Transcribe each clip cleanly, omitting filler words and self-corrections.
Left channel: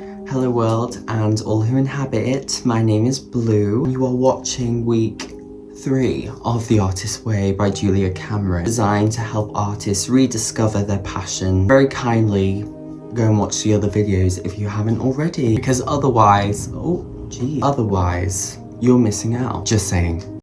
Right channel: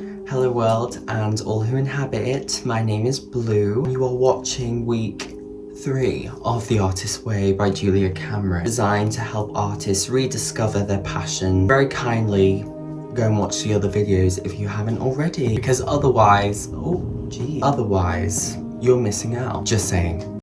Hello world and all who inhabit it, my name is Blue. You are watching week 3 of The Artist's Way by Julia Cameron, designed to help artists rediscover their passion. Very kindly go and watch the other videos if you haven't already, because otherwise, otherwise you're missing out. Just saying.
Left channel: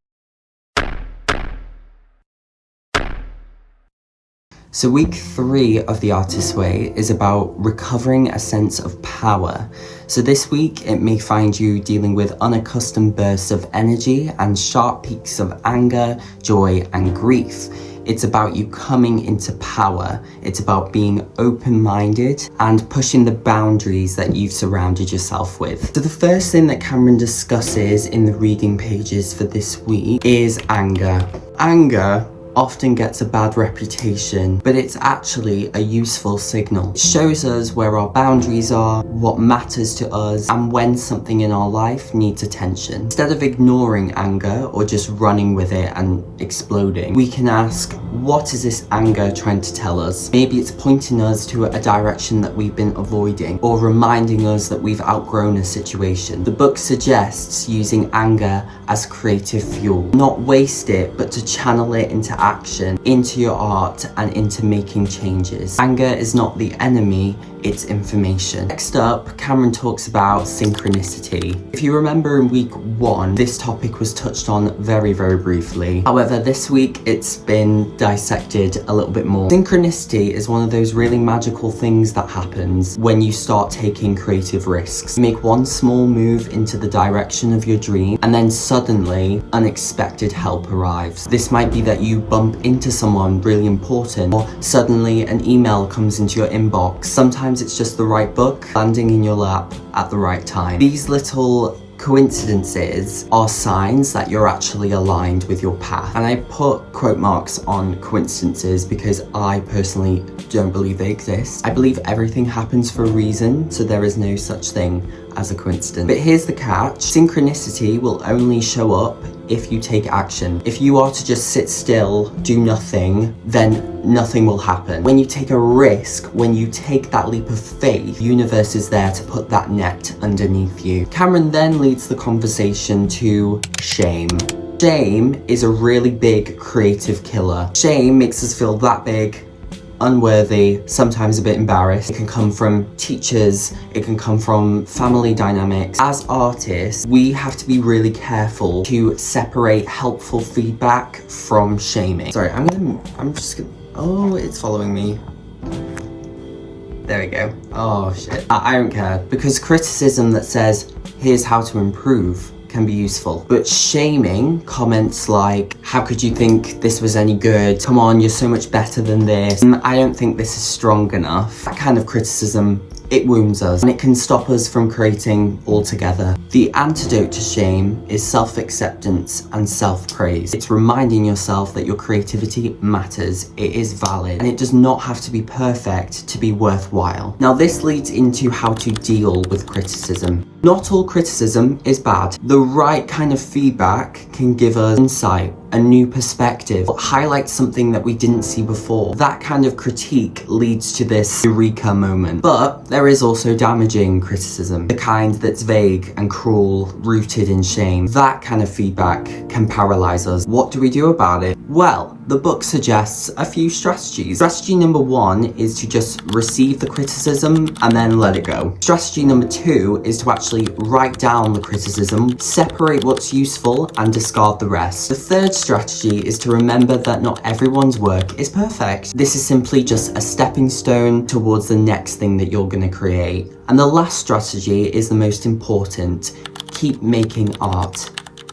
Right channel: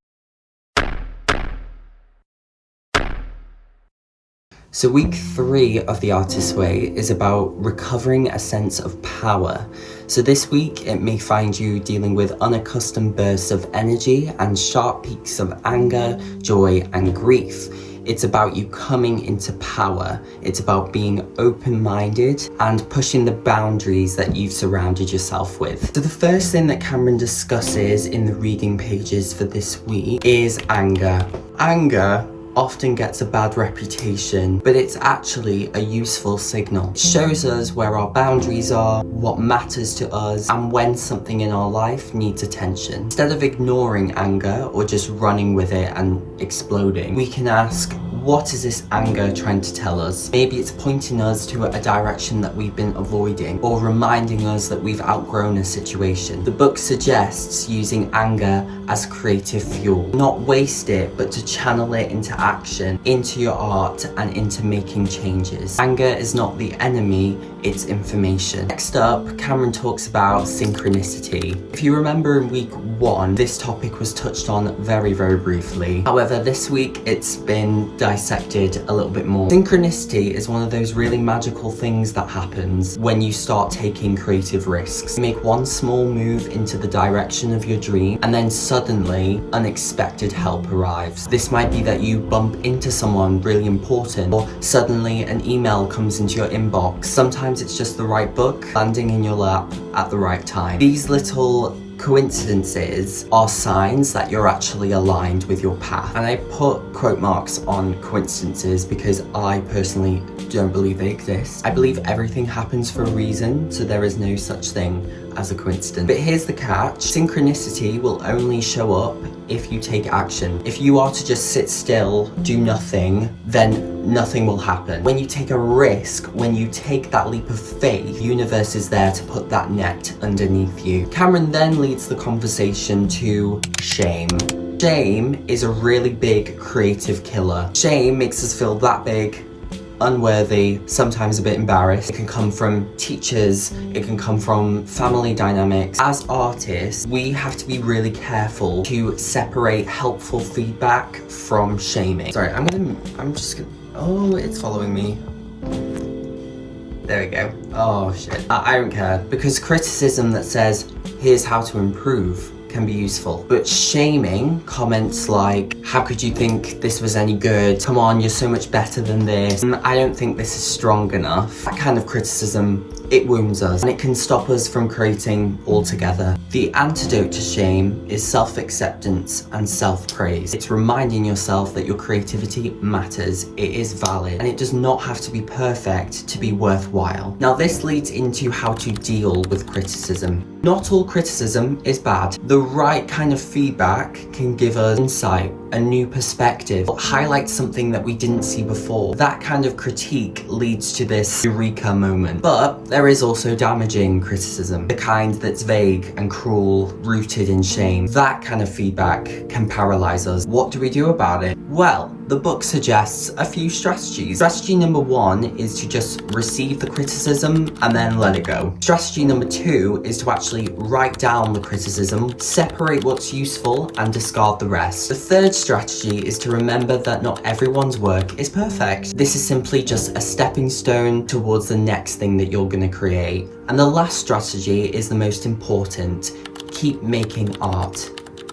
So week 3 of The Artist's Way is about recovering a sense of power. So this week it may find you dealing with unaccustomed bursts of energy and sharp peaks of anger, joy and grief. It's about you coming into power. It's about being open-minded and pushing the boundaries that you've surrounded yourself with. So the first thing that Cameron discusses in the reading pages for this week is anger. Anger often gets a bad reputation, but it's actually a useful signal. It shows us where our boundaries are, what matters to us, and when something in our life needs attention. Instead of ignoring anger or just running with it and exploding, we can ask, what is this anger trying to tell us? Maybe it's pointing us to a direction that we've been avoiding, or reminding us that we've outgrown a situation. The book suggests using anger as creative fuel. Not waste it, but to channel it into action, into your art, and into making changes. Anger is not the enemy, it's information. Next up, Cameron talks about synchronicity. If you remember in week 1, this topic was touched on very, very briefly. However, this week it's been dissected a little bit more. Synchronicity is one of those really magical things that happens when you start taking creative risks. You make one small move into the direction of your dream, and then suddenly unexpected help arrives. This might be that you bump into someone really important, or suddenly an email comes into your inbox. Sometimes it's just the right book landing in your lap at the right time. These little coincidences are signs that you're actually aligned with your path. And I put quote marks on coincidences because I personally don't believe they exist. I believe everything happens for a reason, so there is no such thing as a coincidence. But here's the catch. Synchronicity will only show up if you take action. If you are to just sit still, do nothing, then nothing will happen. When you take a risk, when you take that leap of faith, the universe is there to put that net underneath you. Cameron then leads the conversation to shame. Shame is a really big creative killer. Shame makes us feel that big, unworthy, sometimes a bit embarrassed. It can come from teachers, it can come from family dynamics. As artists, we have to be really careful to separate helpful feedback from shaming. Sorry, oh, it's following me. There we go. Oh shit. I don't care, because criticism that says, here's how to improve, can be useful. But shaming comments like, how could you think this was any good? Come on, you're so much better than this. I don't think this is strong enough. That kind of criticism, it wounds us and it can stop us from creating altogether. The antidote to shame is self-acceptance and self-praise. It's reminding yourself that your creativity matters, it is valid, and it does not have to be perfect to be worthwhile. Now this leads into how to deal with criticism. Not all criticism is bad. The right kind of feedback can give us insight, a new perspective, highlight something that we didn't see before. That kind of critique leads to this eureka moment. But there is also damaging criticism, the kind that's vague and cruel, rooted in shame. That kind of feedback can paralyze us. What do we do about it? Well, the book suggests a few strategies. Strategy number 1 is to just receive the criticism and then let it go. Strategy number 2 is to actually write down the criticism, separate what's useful and discard the rest. The third strategy is to remember that not everyone's work is perfect. This is simply just a stepping stone towards the next thing that you're going to create. And the last strategy is the most important. Keep making art.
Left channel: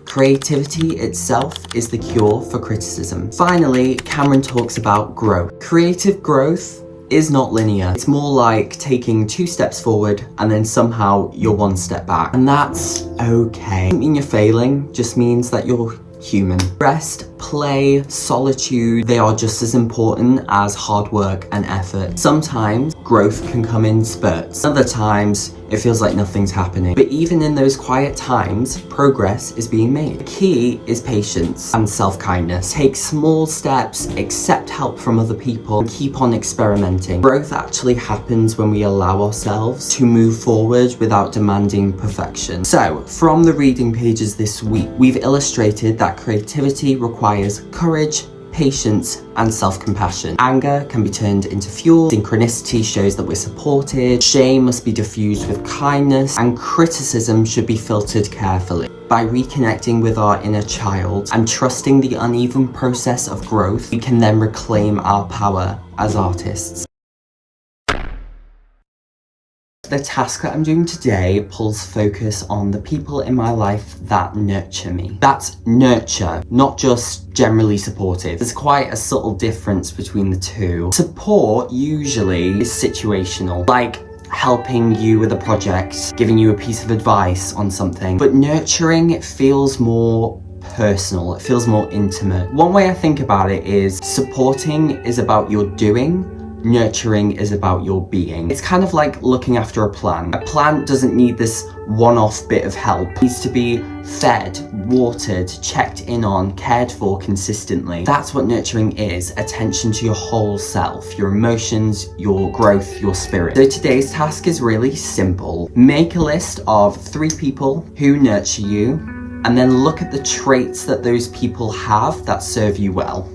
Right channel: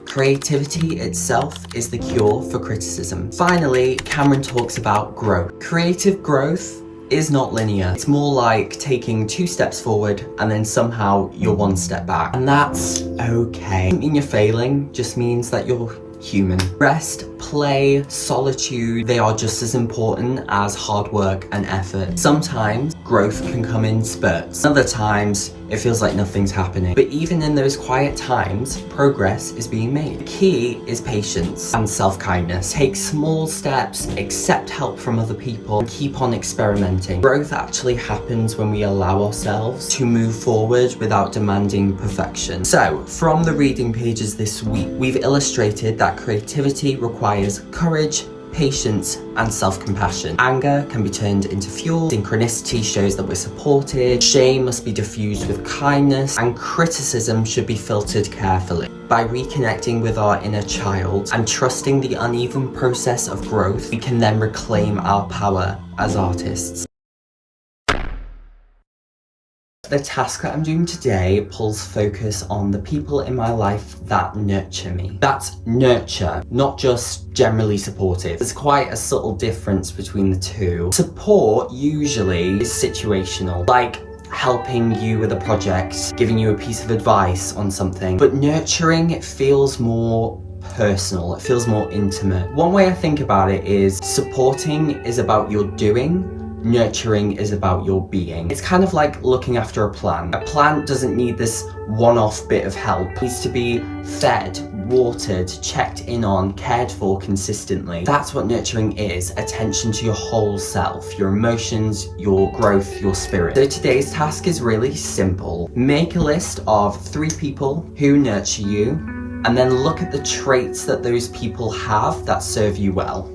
Creativity itself is the cure for criticism. Finally, Cameron talks about growth. Creative growth is not linear. It's more like taking 2 steps forward and then somehow you're 1 step back. And that's okay. Doesn't mean you're failing, just means that you're human. Rest, play, solitude, they are just as important as hard work and effort. Sometimes growth can come in spurts. Other times it feels like nothing's happening. But even in those quiet times, progress is being made. The key is patience and self-kindness. Take small steps, accept help from other people, and keep on experimenting. Growth actually happens when we allow ourselves to move forward without demanding perfection. So, from the reading pages this week, we've illustrated that creativity requires courage, patience, and self-compassion. Anger can be turned into fuel, synchronicity shows that we're supported, shame must be diffused with kindness, and criticism should be filtered carefully. By reconnecting with our inner child and trusting the uneven process of growth, we can then reclaim our power as artists. The task that I'm doing today pulls focus on the people in my life that nurture me. That's nurture, not just generally supportive. There's quite a subtle difference between the two. Support usually is situational, like helping you with a project, giving you a piece of advice on something. But nurturing, it feels more personal, it feels more intimate. One way I think about it is supporting is about your doing, nurturing is about your being. It's kind of like looking after a plant. A plant doesn't need this one-off bit of help. It needs to be fed, watered, checked in on, cared for consistently. That's what nurturing is, attention to your whole self, your emotions, your growth, your spirit. So today's task is really simple. Make a list of 3 people who nurture you, and then look at the traits that those people have that serve you well.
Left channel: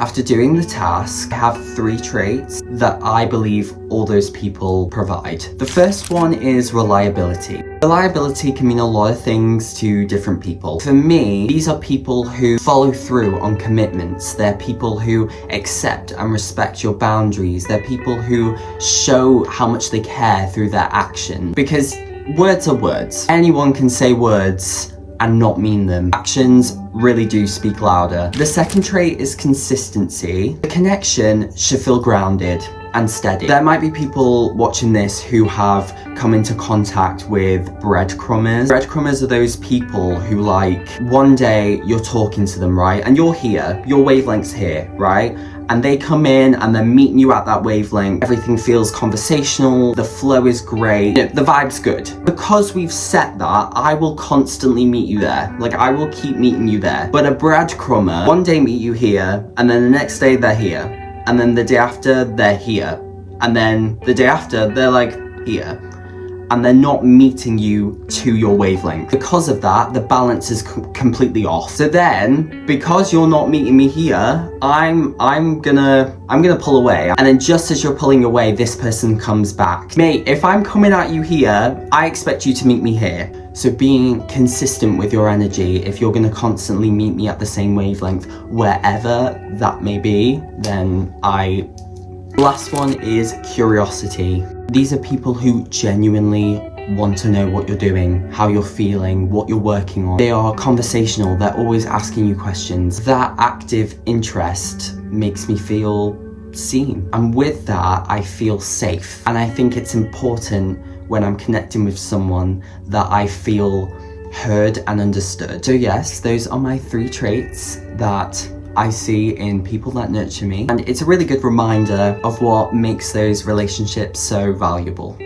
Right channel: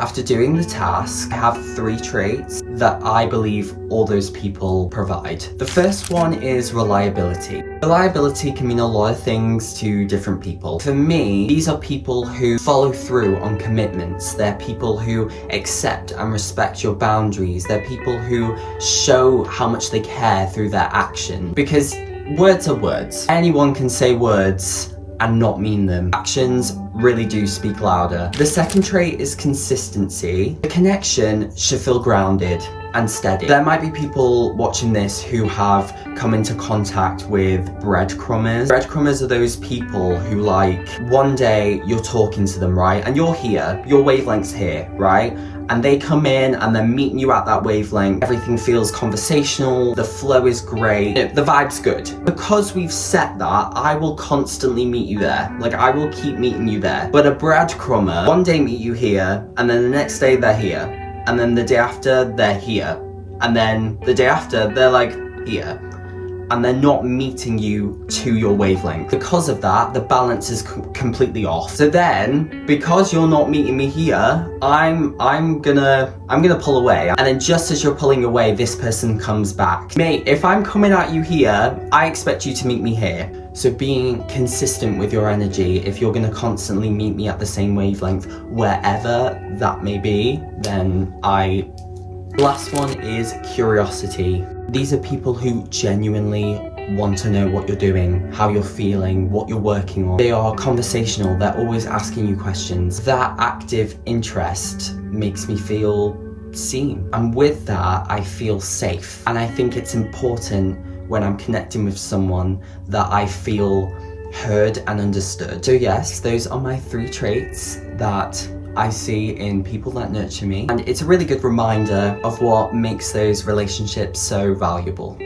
After doing the task, I have 3 traits that I believe all those people provide. The first one is reliability. Reliability can mean a lot of things to different people. For me, these are people who follow through on commitments. They're people who accept and respect your boundaries. They're people who show how much they care through their action. Because words are words. Anyone can say words and not mean them. Actions really do speak louder. The second trait is consistency. The connection should feel grounded and steady. There might be people watching this who have come into contact with breadcrumbers. Breadcrumbers are those people who, like, one day you're talking to them, right? And you're here, your wavelength's here, right? And they come in and they're meeting you at that wavelength. Everything feels conversational, the flow is great, the vibe's good. Because we've set that, I will constantly meet you there. Like, I will keep meeting you there. But a breadcrumber, one day meet you here, and then the next day they're here. And then the day after, they're here. And then the day after, they're like here. And they're not meeting you to your wavelength. Because of that, the balance is completely off. So then, because you're not meeting me here, I'm gonna pull away. And then just as you're pulling away, this person comes back. Mate, if I'm coming at you here, I expect you to meet me here. So being consistent with your energy, if you're gonna constantly meet me at the same wavelength, wherever that may be, then Last one is curiosity. These are people who genuinely want to know what you're doing, how you're feeling, what you're working on. They are conversational, they're always asking you questions. That active interest makes me feel seen. And with that, I feel safe. And I think it's important when I'm connecting with someone that I feel heard and understood. So yes, those are my 3 traits that I see in people that nurture me, and it's a really good reminder of what makes those relationships so valuable.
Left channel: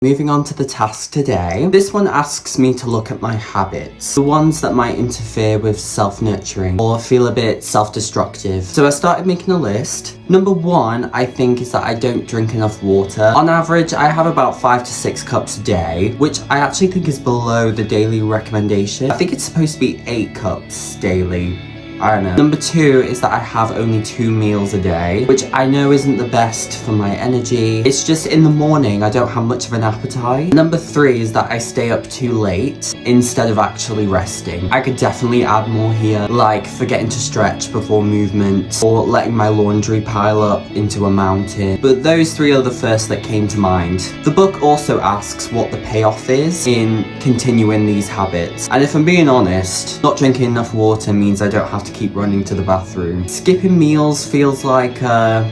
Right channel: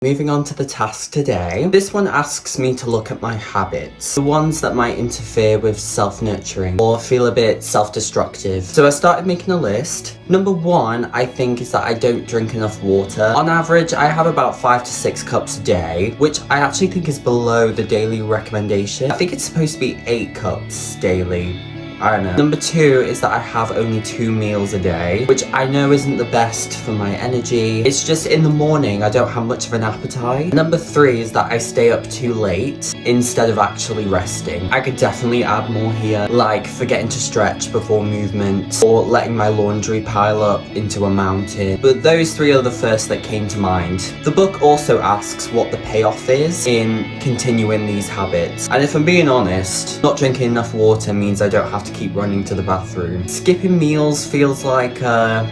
Moving on to the task today. This one asks me to look at my habits, the ones that might interfere with self-nurturing or feel a bit self-destructive. So I started making a list. Number 1, I think, is that I don't drink enough water. On average, I have about 5 to 6 cups a day, which I actually think is below the daily recommendation. I think it's supposed to be 8 cups daily. I don't know. Number 2 is that I have only 2 meals a day, which I know isn't the best for my energy. It's just in the morning I don't have much of an appetite. Number 3 is that I stay up too late instead of actually resting. I could definitely add more here, like forgetting to stretch before movement or letting my laundry pile up into a mountain. But those 3 are the first that came to mind. The book also asks what the payoff is in continuing these habits. And if I'm being honest, not drinking enough water means I don't have to keep running to the bathroom. Skipping meals feels like, I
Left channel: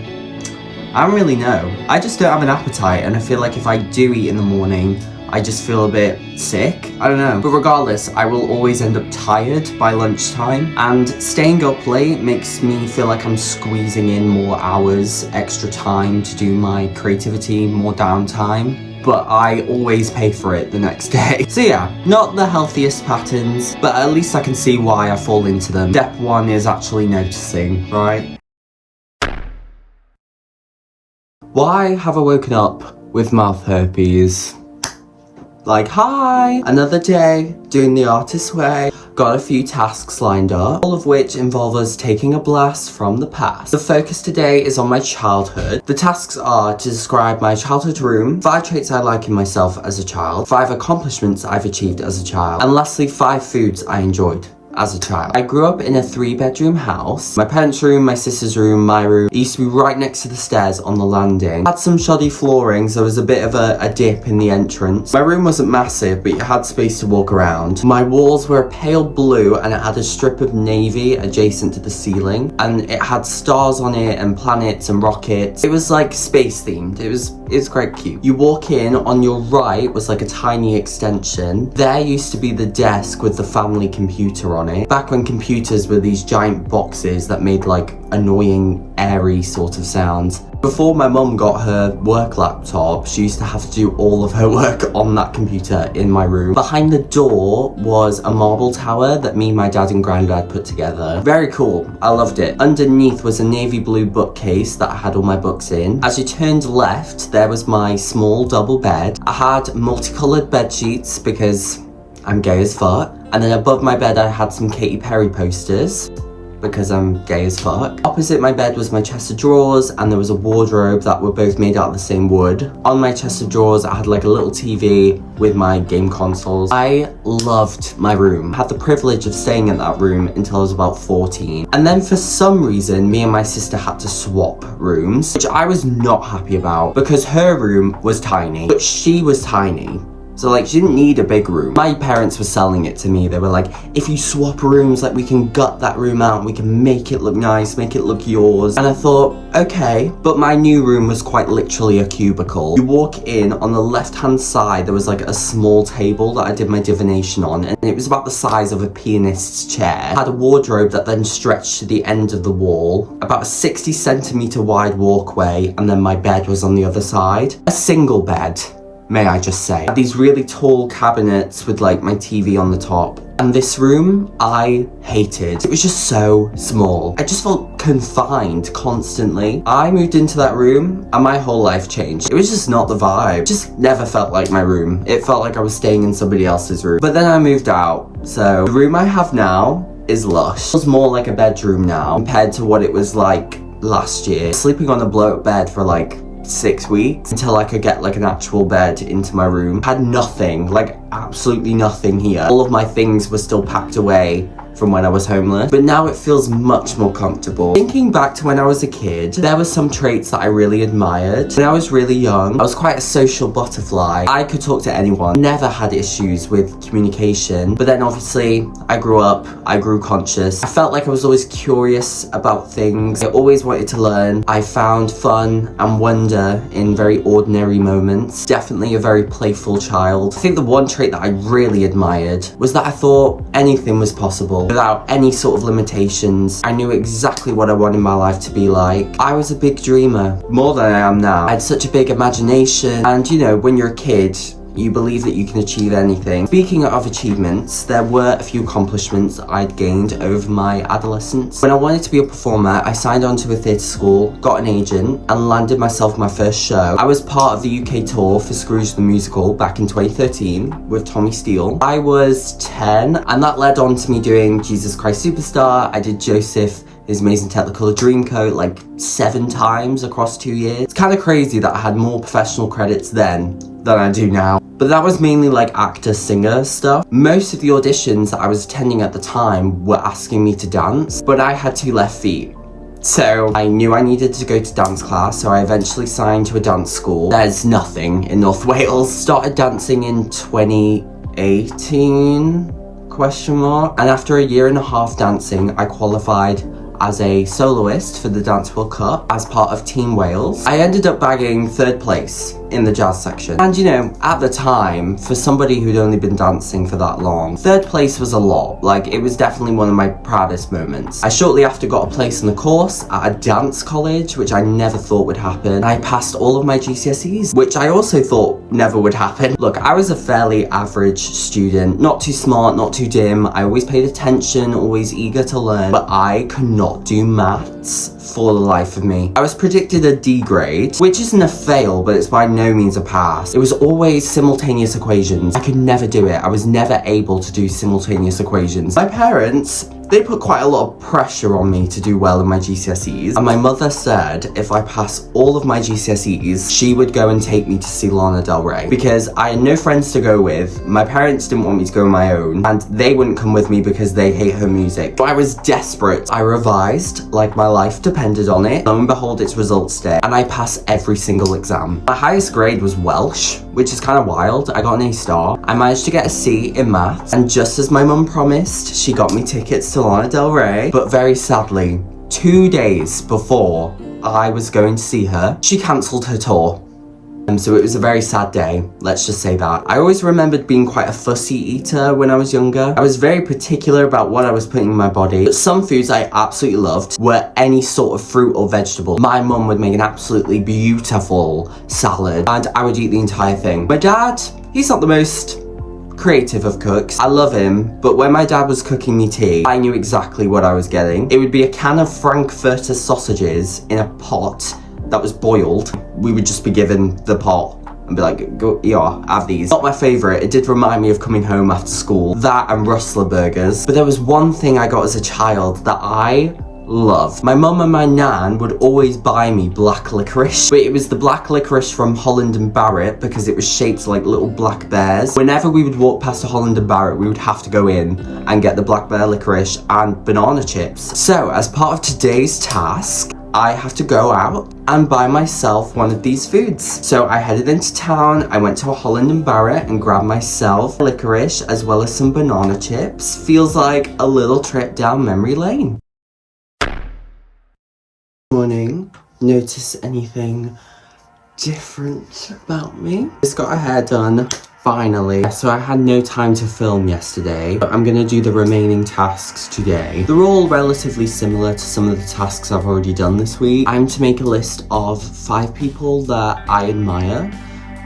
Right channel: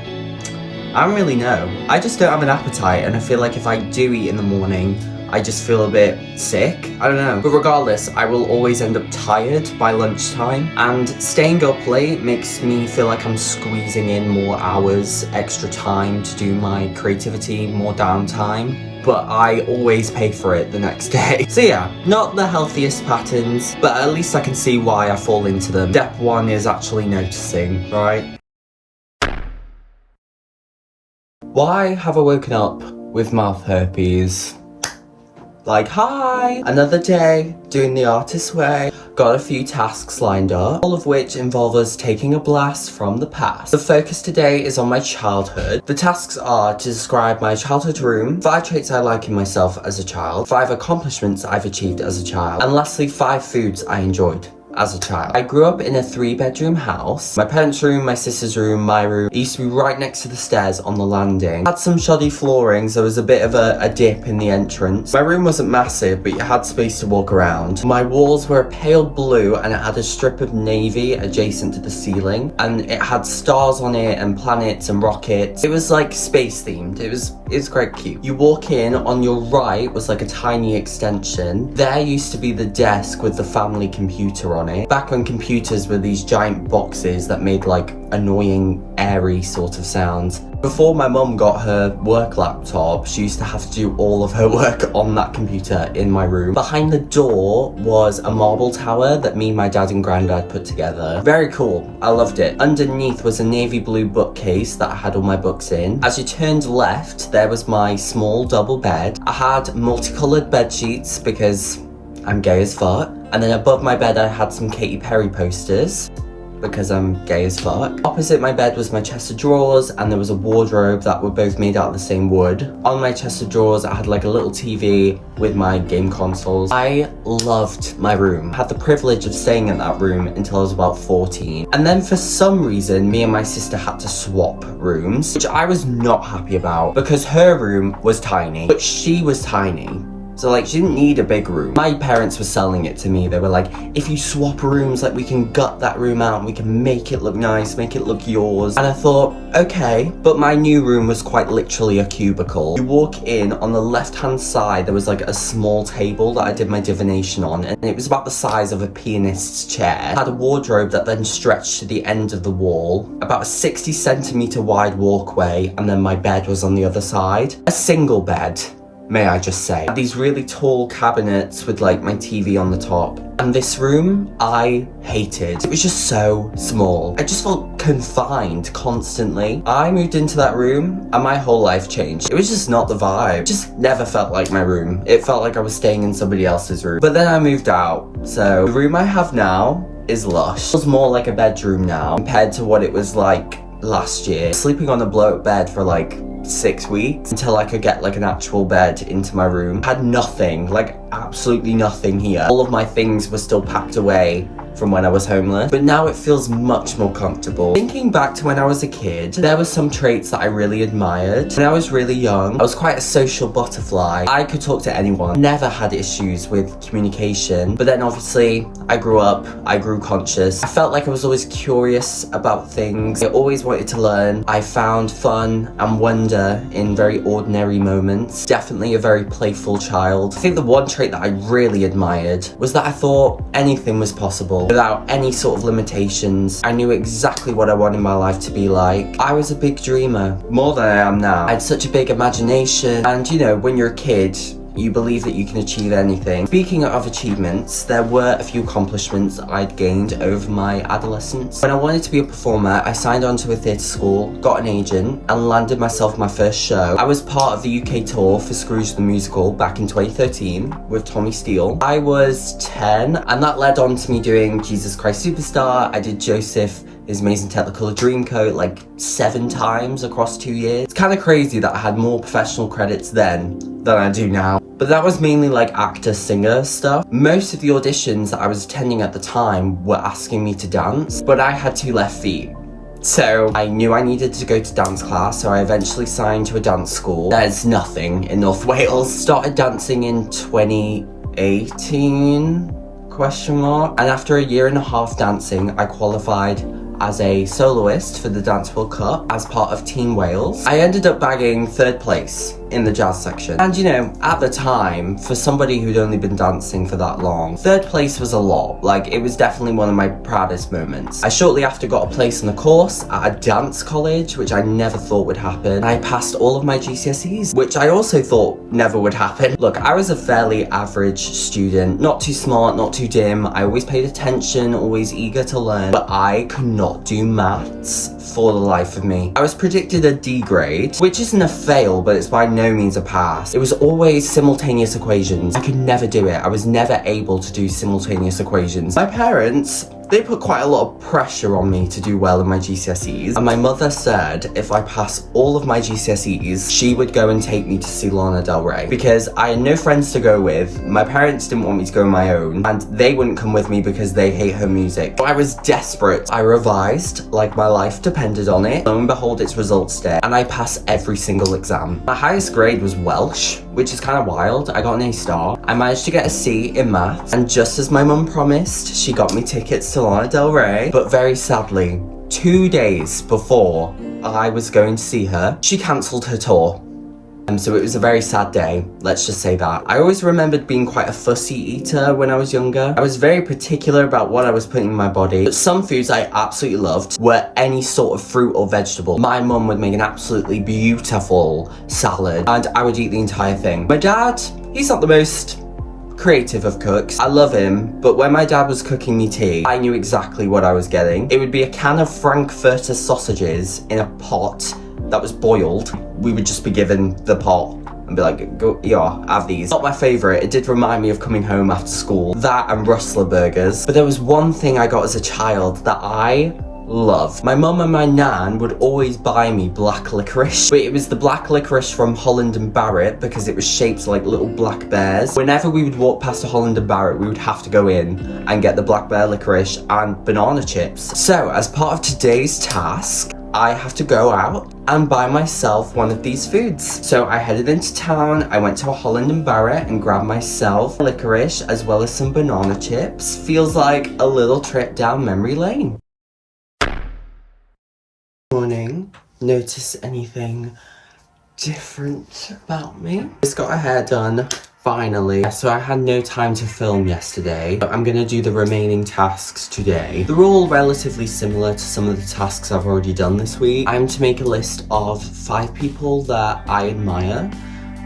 don't really know. I just don't have an appetite, and I feel like if I do eat in the morning, I just feel a bit sick. I don't know. But regardless, I will always end up tired by lunchtime, and staying up late makes me feel like I'm squeezing in more hours, extra time to do my creativity, more downtime. But I always pay for it the next day. So yeah, not the healthiest patterns, but at least I can see why I fall into them. Step 1 is actually noticing, right? Why have I woken up with mouth herpes? Like, hi! Another day, doing the artist's way. Got a few tasks lined up, all of which involve us taking a blast from the past. The focus today is on my childhood. The tasks are to describe my childhood room, 5 traits I like in myself as a child, 5 accomplishments I've achieved as a child, and lastly 5 foods I enjoyed as a child. I grew up in a 3-bedroom house. My parents' room, my sister's room, my room. It used to be right next to the stairs on the landing. Had some shoddy flooring, so there was a bit of a dip in the entrance. My room wasn't massive, but you had space to walk around. My walls were a pale blue, and it had a strip of navy adjacent to the ceiling, and it had stars on it and planets and rockets. It was like space themed. It was quite cute. You walk in, on your right was like a tiny extension. There used to be the desk with the family computer on it. Back when computers were these giant boxes that made like annoying, airy sort of sounds. Before my mum got her work laptop, she used to have to do all of her work on that computer in my room. Behind the door was a marble tower that me, my dad and granddad put together. Very cool, I loved it. Underneath was a navy blue bookcase that I had all my books in. As you turned left, there was my small double bed. I had multicolored bed sheets because I'm gay as fuck. And then above my bed I had some Katy Perry posters because I'm gay as fuck. Opposite my bed was my chest of drawers, and there was a wardrobe that were both made out of the same wood. On my chest of drawers I had like a little TV with my game consoles. I loved my room. I had the privilege of staying in that room until I was about 14. And then for some reason me and my sister had to swap rooms, which I was not happy about because her room was tiny, but she was tiny. So like, she didn't need a big room. My parents were selling it to me. They were like, if you swap rooms, like we can gut that room out and we can make it look nice, make it look yours. And I thought, okay, but my new room was quite literally a cubicle. You walk in, on the left-hand side, there was like a small table that I did my divination on, and it was about the size of a pianist's chair. It had a wardrobe that then stretched to the end of the wall, about a 60-centimeter wide walkway, and then my bed was on the other side. A single bed, may I just say. These really tall cabinets with like my TV on the top. And this room, I hated. It was just so small. I just felt confined constantly. I moved into that room and my whole life changed. It was just not the vibe. It just never felt like my room. It felt like I was staying in somebody else's room. But then I moved out. So the room I have now is lush. It feels more like a bedroom now compared to what it was like last year. Sleeping on a blow-up bed for like 6 weeks until I could get like an actual bed into my room. Had nothing, like absolutely nothing here. All of my things were still packed away from when I was homeless, but now it feels much more comfortable. Thinking back to when I was a kid, there were some traits that I really admired. When I was really young, I was quite a social butterfly. I could talk to anyone, never had issues with communication, but then obviously I grew up, I grew conscious. I felt like I was always curious about things. I always wanted to learn. I found fun and wonder in very ordinary moments. Definitely a very playful child. I think the one trait that I really admired was that I thought anything was possible without any sort of limitations. I knew exactly what I wanted my life to be like. I was a big dreamer, more than I am now. I had such a big imagination, and you know, when you're a kid, you believe that you can achieve anything. Speaking of achievements, there were a few accomplishments I'd gained over my adolescence. When I wanted to be a performer, I signed on to a theatre school, got an agent, and landed myself my first show. I was part of the UK tour for Scrooge the Musical back in 2013 with Tommy Steele. I was 10, and that led on to me doing Jesus Christ Superstar. I did Joseph, His Amazing Technicolor Dreamcoat like 7 times across 2 years. It's kind of crazy that I had more professional credits then than I do now. But that was mainly like actor, singer stuff. Most of the auditions that I was attending at the time were asking me to dance, but I had 2 left feet. So I knew I needed to go to dance class, so I eventually signed to a dance school. There's nothing in North Wales. Started dancing in 2018, ? And after a year and a half dancing, I qualified as a soloist for the Dance World Cup as part of Team Wales. I ended up bagging 3rd place in the jazz section. And you know, at the time, for somebody who'd only been dancing for that long, 3rd place was a lot. Like, it was definitely one of my proudest moments. I shortly after got a place in the course at a dance college, which I never thought would happen. I passed all of my GCSEs, which I also thought never would happen. Look, I was a fairly average student, not too smart, not too dim. I always paid attention, always eager to learn, but I could not do maths for the life of me. I was predicted a D grade, which isn't a fail, but it's by no means a pass. It was always simultaneous equations. I could never do it. I was never able to do simultaneous equations. My parents, they put quite a lot of pressure on me to do well in my GCSEs, and my mother said if I pass all of my GCSEs, she would go and take me to see Lana Del Rey, because I had no friends to go with. My parents didn't want me to go on my own, and they wouldn't come with me because they hate her music. But I was desperate. I revised like my life depended on it. Lo and behold, it's results day, and I passed every single exam. My highest grade was Welsh, which is kind of wild. I got an A star. I managed to get a C in maths, and just as my mum promised, she got me tickets to Lana Del Rey. But very sadly, 2 days before I was going to see her, she cancelled her tour. So it was a very sad day, let's just say that. I always remembered being quite a fussy eater when I was younger. I was very particular about what I was putting in my body. But some foods I absolutely loved were any sort of fruit or vegetable. My mum would make an absolutely beautiful salad, and I would eat the entire thing. My dad, he's not the most creative of cooks. I love him, but when my dad was cooking me tea, I knew exactly what I was getting. It would be a can of Frankfurter sausages in a pot that was boiled. We would just be given the pot and be like, go, yeah, have these. Not my favourite. It did remind me of coming home after school. That and Rustler burgers. But there was one thing I got as a child that I love. My mum and my nan would always buy me black licorice, but it was the black licorice from Holland and Barrett because it was shaped like little black bears. Whenever we would walk past a Holland and Barrett, we would have to go in and get the black bear licorice and banana chips. So as part of today's task, I have to go out and buy myself one of these foods. So I headed into town, I went to a Holland and Barrett and grabbed myself licorice as well as some banana chips. Feels like a little trip down memory lane. Morning. Notice anything different about me? Just got her hair done. Finally. So I had no time to film yesterday, but I'm gonna do the remaining tasks today. They're all relatively similar to some of the tasks I've already done this week. I'm to make a list of 5 people that I admire,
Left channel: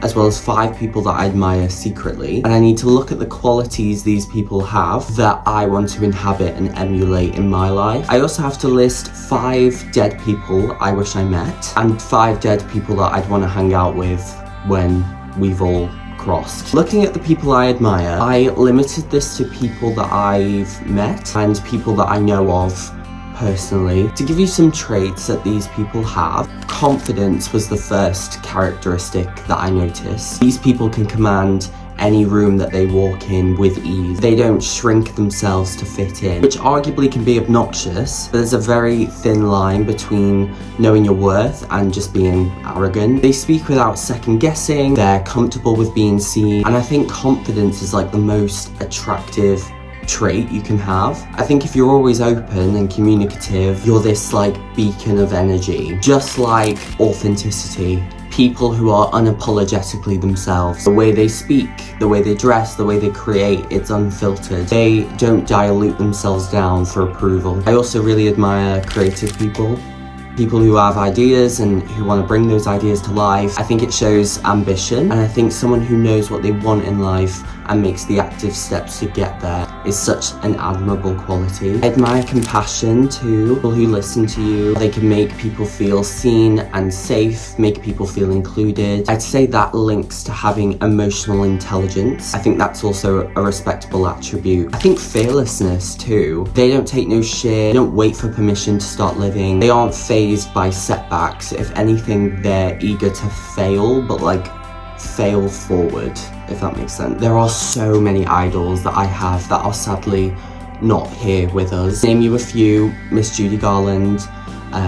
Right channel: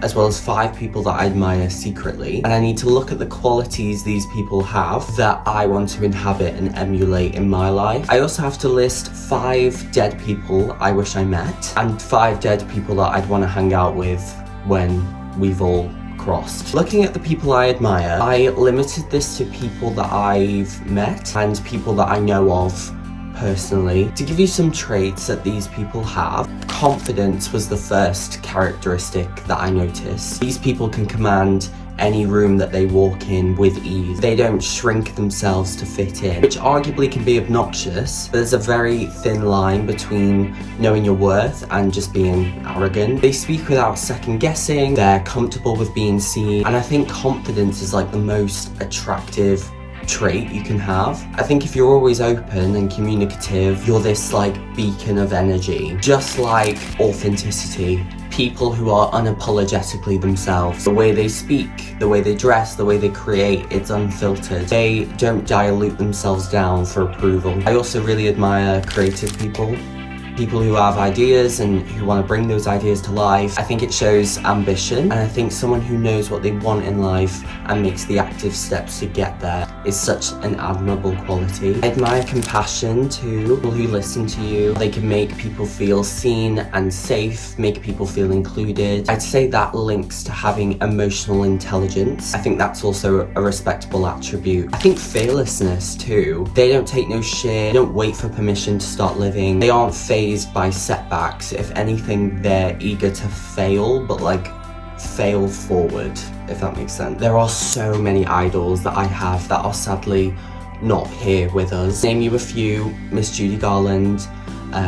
as well as 5 people that I admire secretly. And I need to look at the qualities these people have that I want to inhabit and emulate in my life. I also have to list 5 dead people I wish I met, and 5 dead people that I'd want to hang out with when we've all crossed. Looking at the people I admire, I limited this to people that I've met and people that I know of personally. To give you some traits that these people have, confidence was the first characteristic that I noticed. These people can command any room that they walk in with ease. They don't shrink themselves to fit in, which arguably can be obnoxious, but there's a very thin line between knowing your worth and just being arrogant. They speak without second guessing, they're comfortable with being seen, and I think confidence is like the most attractive trait you can have. I think if you're always open and communicative, you're this like beacon of energy. Just like authenticity. People who are unapologetically themselves. The way they speak, the way they dress, the way they create, it's unfiltered. They don't dilute themselves down for approval. I also really admire creative people. People who have ideas and who want to bring those ideas to life. I think it shows ambition, and I think someone who knows what they want in life and makes the active steps to get there is such an admirable quality. I admire compassion too. People who listen to you, they can make people feel seen and safe, make people feel included. I'd say that links to having emotional intelligence. I think that's also a respectable attribute. I think fearlessness too. They don't take no shit, they don't wait for permission to start living. They aren't phased by setbacks. If anything, they're eager to fail, but like fail forward, if that makes sense. There are so many idols that I have that are sadly not here with us. Name you a few: Miss Judy Garland,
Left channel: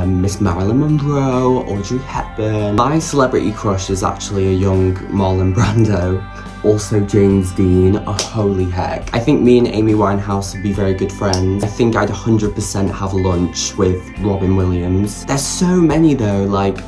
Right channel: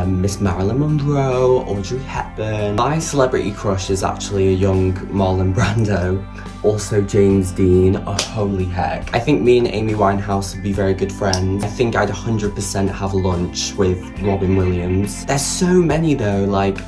Miss Marilyn Monroe, Audrey Hepburn. My celebrity crush is actually a young Marlon Brando. Also James Dean. Oh, holy heck. I think me and Amy Winehouse would be very good friends. I think I'd 100% have lunch with Robin Williams. There's so many though, like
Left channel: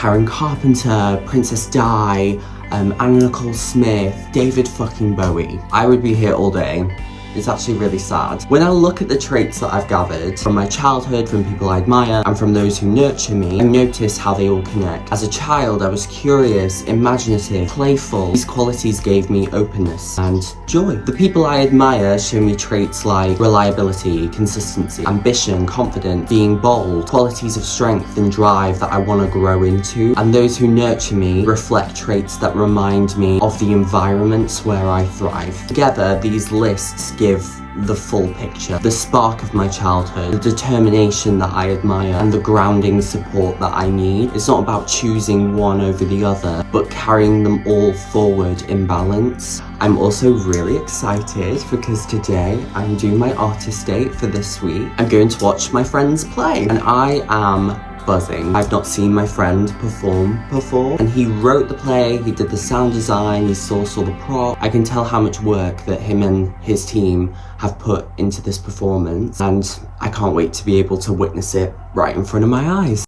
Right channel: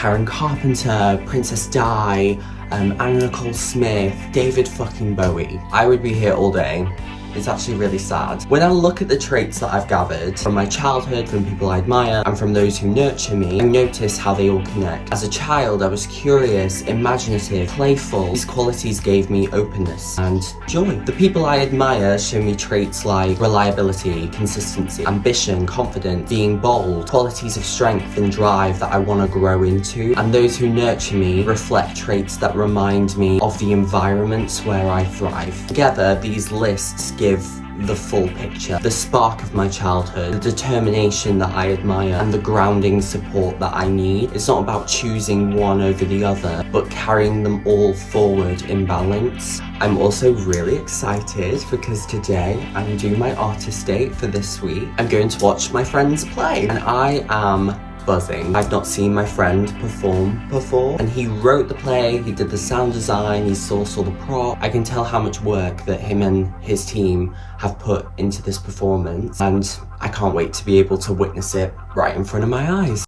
Karen Carpenter, Princess Di, Anna Nicole Smith, David fucking Bowie. I would be here all day. It's actually really sad. When I look at the traits that I've gathered from my childhood, from people I admire, and from those who nurture me, I notice how they all connect. As a child, I was curious, imaginative, playful. These qualities gave me openness and joy. The people I admire show me traits like reliability, consistency, ambition, confidence, being bold, qualities of strength and drive that I want to grow into. And those who nurture me reflect traits that remind me of the environments where I thrive. Together, these lists give the full picture. The spark of my childhood, the determination that I admire, and the grounding support that I need. It's not about choosing one over the other, but carrying them all forward in balance. I'm also really excited because today I'm doing my artist date for this week. I'm going to watch my friends play, and I am buzzing. I've not seen my friend perform before, and he wrote the play, he did the sound design, he sourced all the prop. I can tell how much work that him and his team have put into this performance, and I can't wait to be able to witness it right in front of my eyes.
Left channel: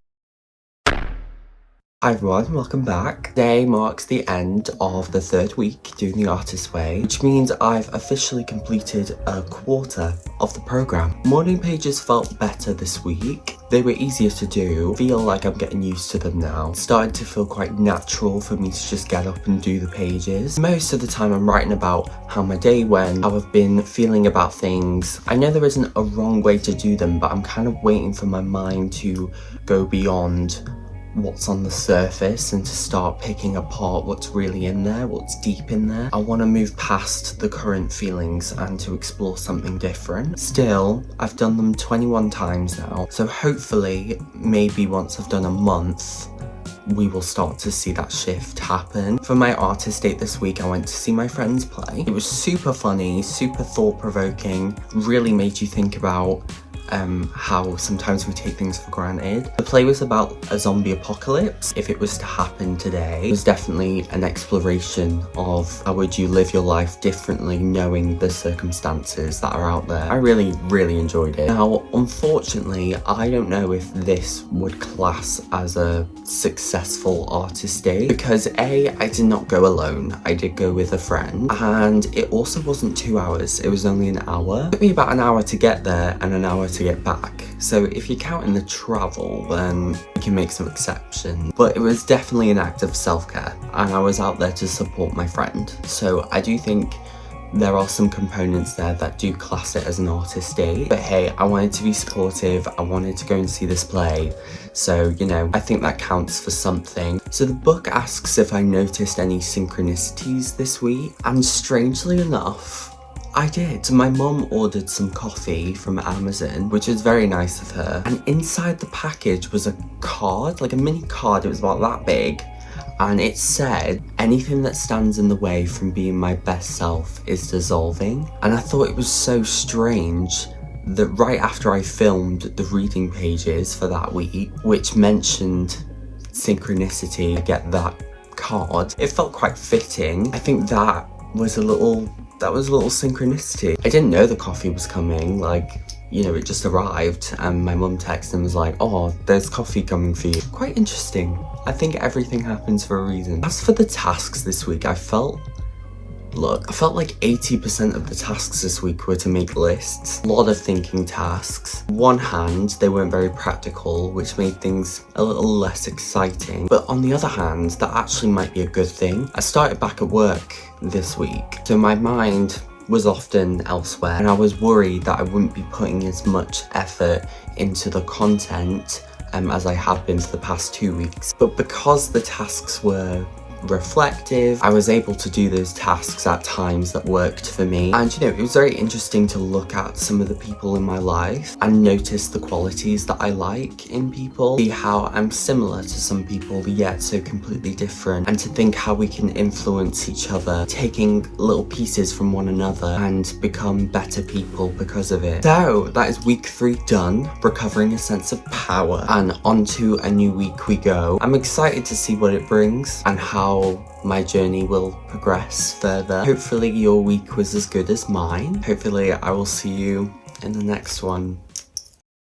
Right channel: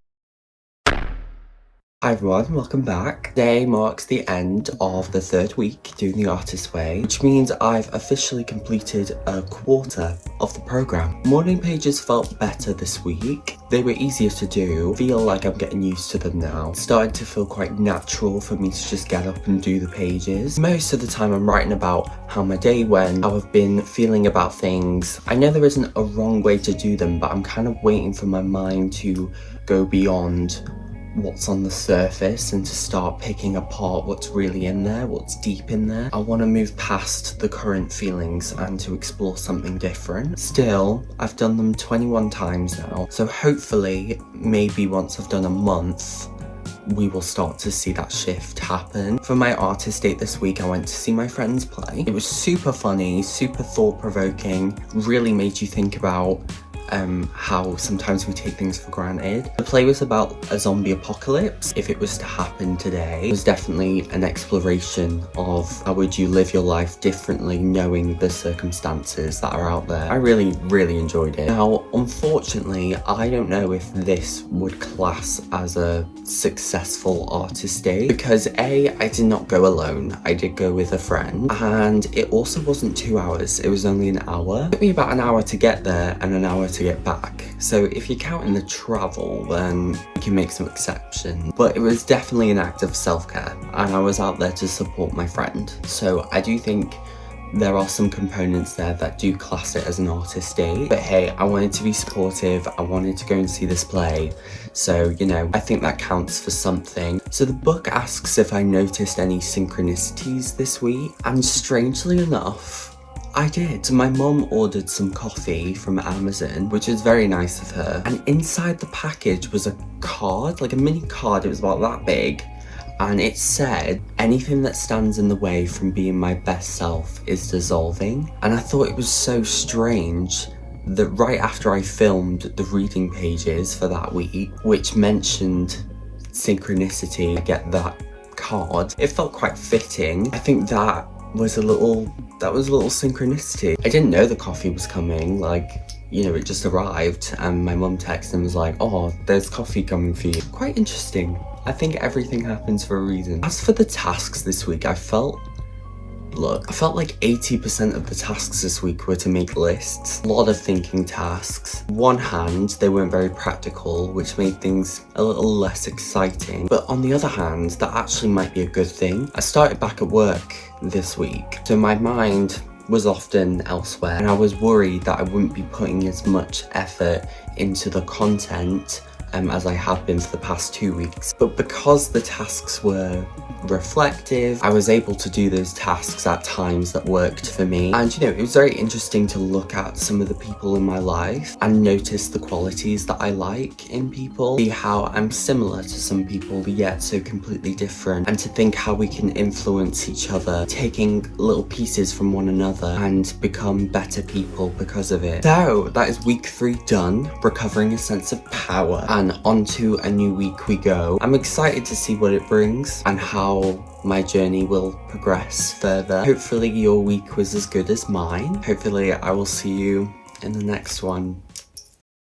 Hi everyone, welcome back. Today marks the end of the third week doing the artist way, which means I've officially completed a quarter of the program. Morning pages felt better this week. They were easier to do. Feel like I'm getting used to them now. It's starting to feel quite natural for me to just get up and do the pages. Most of the time I'm writing about how my day went, how I've been feeling about things. I know there isn't a wrong way to do them, but I'm kind of waiting for my mind to go beyond what's on the surface and to start picking apart what's really in there, what's deep in there. I want to move past the current feelings and to explore something different. Still, I've done them 21 times now, so hopefully maybe once I've done a month we will start to see that shift happen. For my artist date this week, I went to see my friends play. It was super funny, super thought-provoking, really made you think about how sometimes we take things for granted. The play was about a zombie apocalypse. If it was to happen today, it was definitely an exploration of how would you live your life differently knowing the circumstances that are out there. I really enjoyed it. Now, unfortunately, I don't know if this would class as a successful artist day because A, I did not go alone. I did go with a friend, and it also wasn't 2 hours. It was only an hour. It took me about an hour to get there and an hour to get back. So if you're counting the travel, then we can make some exceptions. But it was definitely an act of self-care, and I was out there to support my friend. So I do think there are some components there that do class it as an artist date. But hey, I wanted to be supportive. I wanted to go and see this play. So, you know, I think that counts for something. So the book asks if I noticed any synchronicities this week. And strangely enough, I did. So my mum ordered some coffee from Amazon, which was very nice of her. And inside the package was a card, like a mini card. It was about that big. And it said, anything that stands in the way from being my best self is dissolving. And I thought it was so strange that right after I filmed the reading pages for that week, which mentioned synchronicity, I get that card. It felt quite fitting. I think that was a little synchronicity. I didn't know the coffee was coming, like, you know, it just arrived and my mum texted and was like, oh, there's coffee coming for you. Quite interesting. I think everything happens for a reason. As for the tasks this week, I felt like 80% of the tasks this week were to make lists. A lot of thinking tasks. On one hand, they weren't very practical, which made things a little less exciting. But on the other hand, that actually might be a good thing. I started back at work this week, so my mind was often elsewhere, and I was worried that I wouldn't be putting as much effort into the content as I have been for the past 2 weeks. But because the tasks were reflective, I was able to do those tasks at times that worked for me. And you know, it was very interesting to look at some of the people in my life and notice the qualities that I like in people, see how I'm similar to some people yet so completely different, and to think how we can influence each other, taking little pieces from one another and become better people because of it. So that is week 3 done, recovering a sense of power, and onto a new week we go. I'm excited to see what it brings and how my journey will progress further. Hopefully your week was as good as mine. Hopefully I will see you in the next one.